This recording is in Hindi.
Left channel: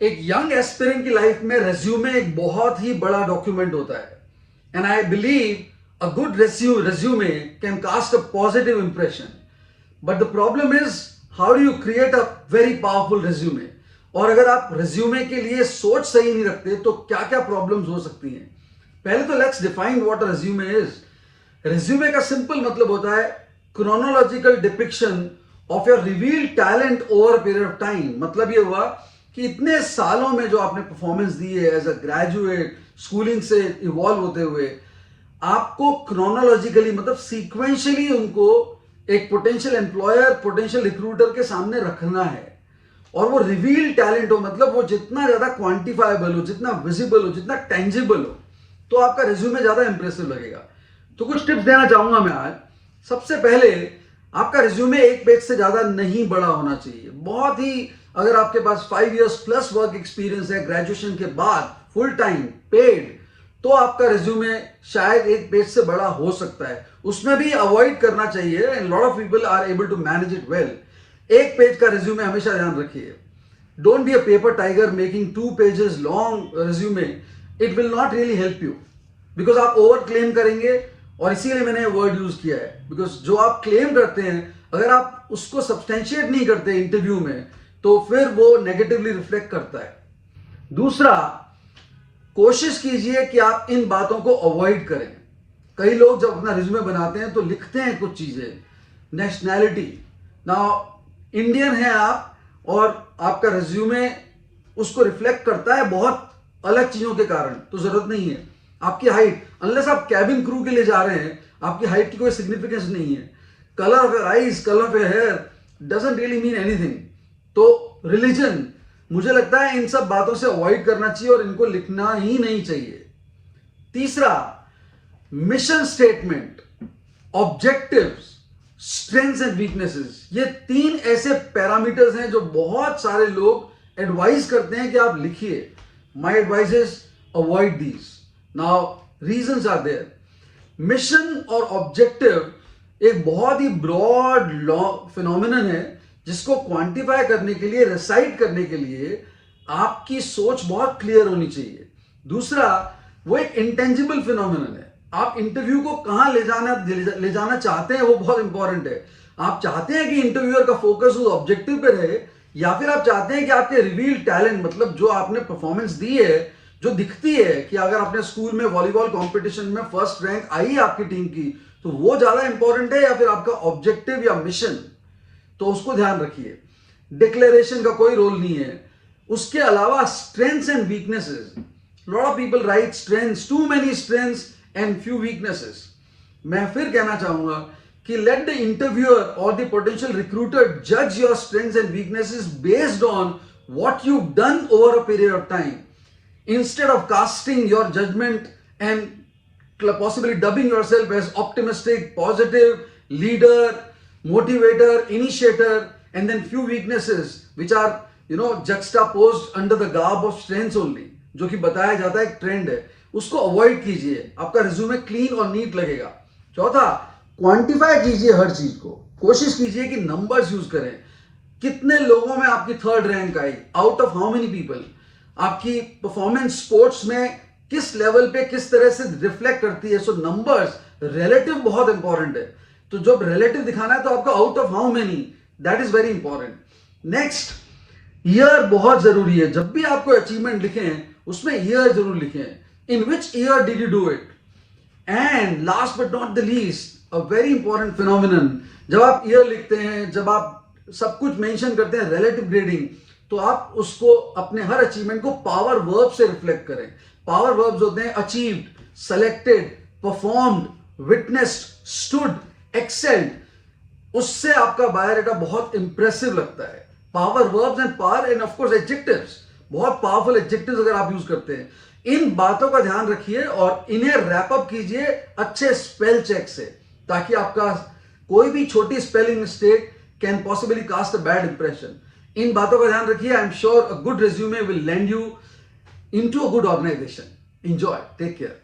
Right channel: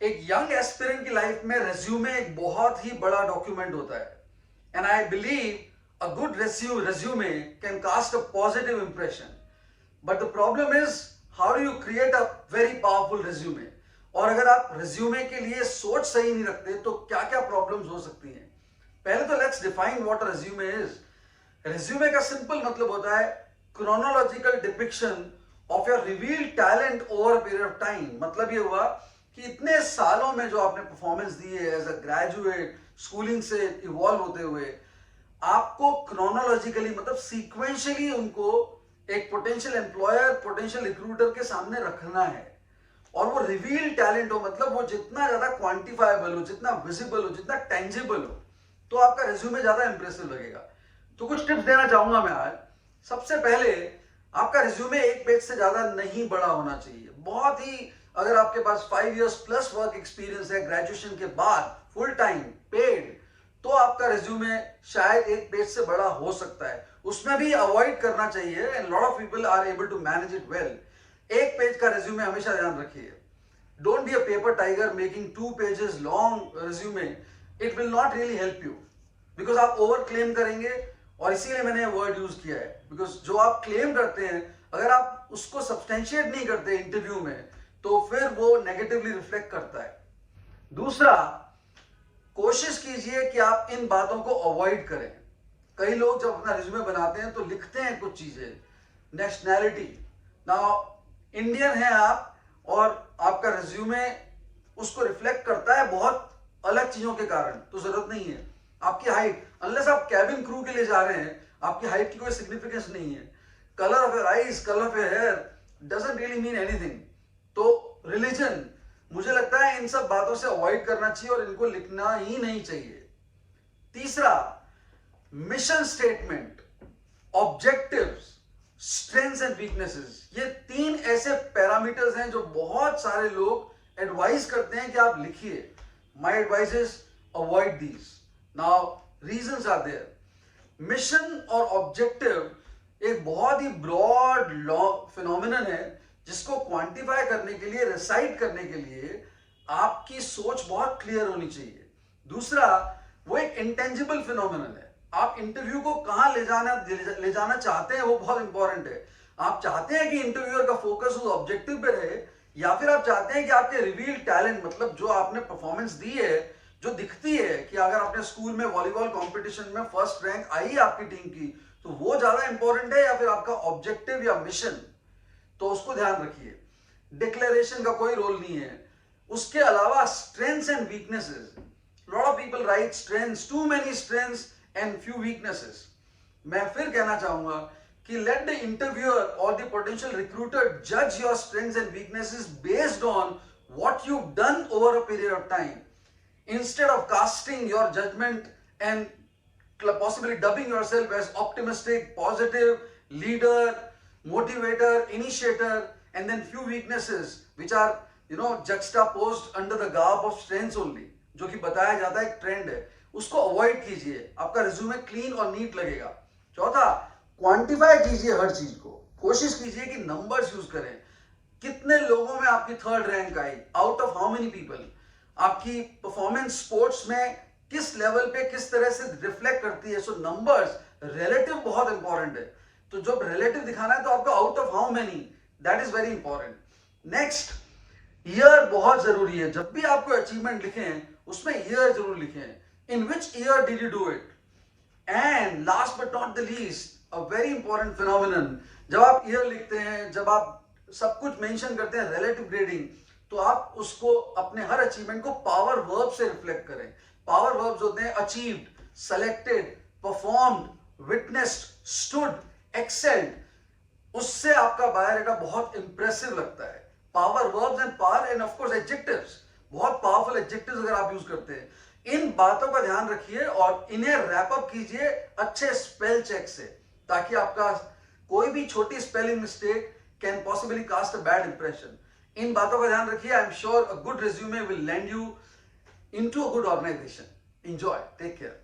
एक यंग एस्पिरेंट की लाइफ में रेज्यूमे एक बहुत ही बड़ा डॉक्यूमेंट होता है and I believe a good resume can cast a positive impression but the problem is how do you create a very powerful resume. और अगर आप रेज्यूमे के लिए सोच सही नहीं रखते तो क्या क्या प्रॉब्लम्स हो सकती हैं। पहले तो let's define what a resume is. Resume का सिंपल मतलब होता है chronological depiction of your revealed talent over a period of time. मतलब ये हुआ कि इतने सालों में जो आपने परफॉर्मेंस दी है एज अ ग्रेजुएट स्कूलिंग से इवॉल्व होते हुए, आपको क्रोनोलॉजिकली मतलब सीक्वेंशियली उनको एक पोटेंशियल एम्प्लॉयर पोटेंशियल रिक्रूटर के सामने रखना है। और वो रिवील टैलेंट हो, मतलब वो जितना ज्यादा क्वांटिफाइबल हो, जितना विजिबल हो, जितना टेंजिबल हो, तो आपका रिज्यूमे ज्यादा इंप्रेसिव लगेगा। तो कुछ टिप्स देना चाहूंगा मैं आज। सबसे पहले, आपका रिज्यूमे एक पेज से ज्यादा नहीं बड़ा होना चाहिए। बहुत ही, अगर आपके पास 5 इयर्स प्लस वर्क एक्सपीरियंस है ग्रेजुएशन के बाद फुल टाइम पेड, तो आपका रिज्यूमे शायद एक पेज से बड़ा हो सकता है। उसमें भी अवॉइड करना चाहिए and lot of people are able to manage it well. एक पेज का रिज्यूमे हमेशा ध्यान रखिए। Don't be a paper tiger making 2 pages long resume. It will not really help you because आप ओवर क्लेम करेंगे। और इसीलिए मैंने वर्ड यूज किया है, बिकॉज जो आप क्लेम करते हैं अगर आप उसको सब्सटेंशिएट नहीं करते इंटरव्यू में तो फिर वो नेगेटिवली रिफ्लेक्ट करता है। दूसरा, कोशिश कीजिए कि आप इन बातों को अवॉइड करें। कई लोग जब अपना रिज्यूमे बनाते हैं तो लिखते हैं कुछ चीजें, नेशनैलिटी। नाउ इंडियन है आप और आपका रिज्यूमे उसको रिफ्लेक्ट करता है बहुत अलग चीजों के कारण, तो जरूरत नहीं है। आपकी हाइट, अनलेस आप कैबिन क्रू के लिए जा रहे हैं, आपकी हाइट की कोई सिग्निफिकेंस नहीं है। Colour of your eyes, colour of your hair doesn't really mean anything. तो रिलीजन, मुझे लगता है इन सब बातों से अवॉइड करना चाहिए और इनको लिखना ही नहीं चाहिए। तीसरा, mission statement, objectives, strengths and weaknesses, ये 3 ऐसे पैरामीटर्स हैं जो बहुत सारे लोग एडवाइस करते हैं कि आप लिखिए। My advice is avoid these. Now reasons are there. Mission और ऑब्जेक्टिव एक बहुत ही ब्रॉड फिनोमिनन है जिसको क्वांटिफाई करने के लिए, रिसाइट करने के लिए आपकी सोच बहुत क्लियर होनी चाहिए। दूसरा, वो एक इंटेंजिबल फिनोमिनन है। आप इंटरव्यू को कहां ले जाना चाहते हैं वो बहुत इंपॉर्टेंट है। आप चाहते हैं कि इंटरव्यूअर का फोकस उस ऑब्जेक्टिव पे रहे, या फिर आप चाहते हैं कि आपके रिवील टैलेंट, मतलब जो आपने परफॉर्मेंस दी है, जो दिखती है कि अगर आपने स्कूल में वॉलीबॉल कंपटीशन में फर्स्ट रैंक आई है आपकी टीम की, तो वो ज्यादा इंपॉर्टेंट है, या फिर आपका ऑब्जेक्टिव या मिशन, तो उसको ध्यान रखिए। डिक्लेरेशन का कोई रोल नहीं है। उसके अलावा strengths and weaknesses, lot of people write strengths, too many strengths and few weaknesses. मैं फिर कहना चाहूंगा कि लेट द इंटरव्यूअर और द पोटेंशियल रिक्रूटर जज your strengths and weaknesses based on what you done over a period of time, instead of casting your judgment and possibly dubbing yourself as optimistic, positive, leader, motivator, initiator, and then few weaknesses which are juxtaposed under the garb of strengths only, जो कि बताया जाता है एक ट्रेंड है, उसको अवॉइड कीजिए। आपका रिज्यूमे क्लीन और नीट लगेगा। चौथा, क्वांटिफाई कीजिए हर चीज को। कोशिश कीजिए कि नंबर्स यूज करें। कितने लोगों में आपकी 3rd rank I, out of how many people. आपकी परफॉर्मेंस स्पोर्ट्स में किस लेवल पे किस तरह से रिफ्लेक्ट करती है। सो नंबर्स, रिलेटिव बहुत इंपॉर्टेंट है। तो जब रिलेटिव दिखाना है तो आपका out of how many, that is very important. Next, year बहुत जरूरी है। जब भी आपको अचीवमेंट लिखें उसमें ईयर जरूर लिखें। In which year did you do it. And last but not the least, a very important phenomenon, जब आप ईयर लिखते हैं, जब आप सब कुछ मेंशन करते हैं रिलेटिव ग्रेडिंग, तो आप उसको अपने हर अचीवमेंट को पावर वर्ब से रिफ्लेक्ट करें। पावर वर्ब्स होते हैं achieved, selected, performed, witnessed, stood, excelled. उससे आपका बायोडाटा बहुत इंप्रेसिव लगता है। Power verbs and power end of course adjectives, बहुत पावरफुल एडजेक्टिव्स अगर आप यूज करते हैं। इन बातों का ध्यान रखिए और इन्हें रैप अप कीजिए अच्छे स्पेल चेक से, ताकि आपका कोई भी छोटी spelling mistake can possibly cost a bad impression. इन बातों का ध्यान रखिए। I am sure a good resume will land you into a good organisation. Enjoy, take care.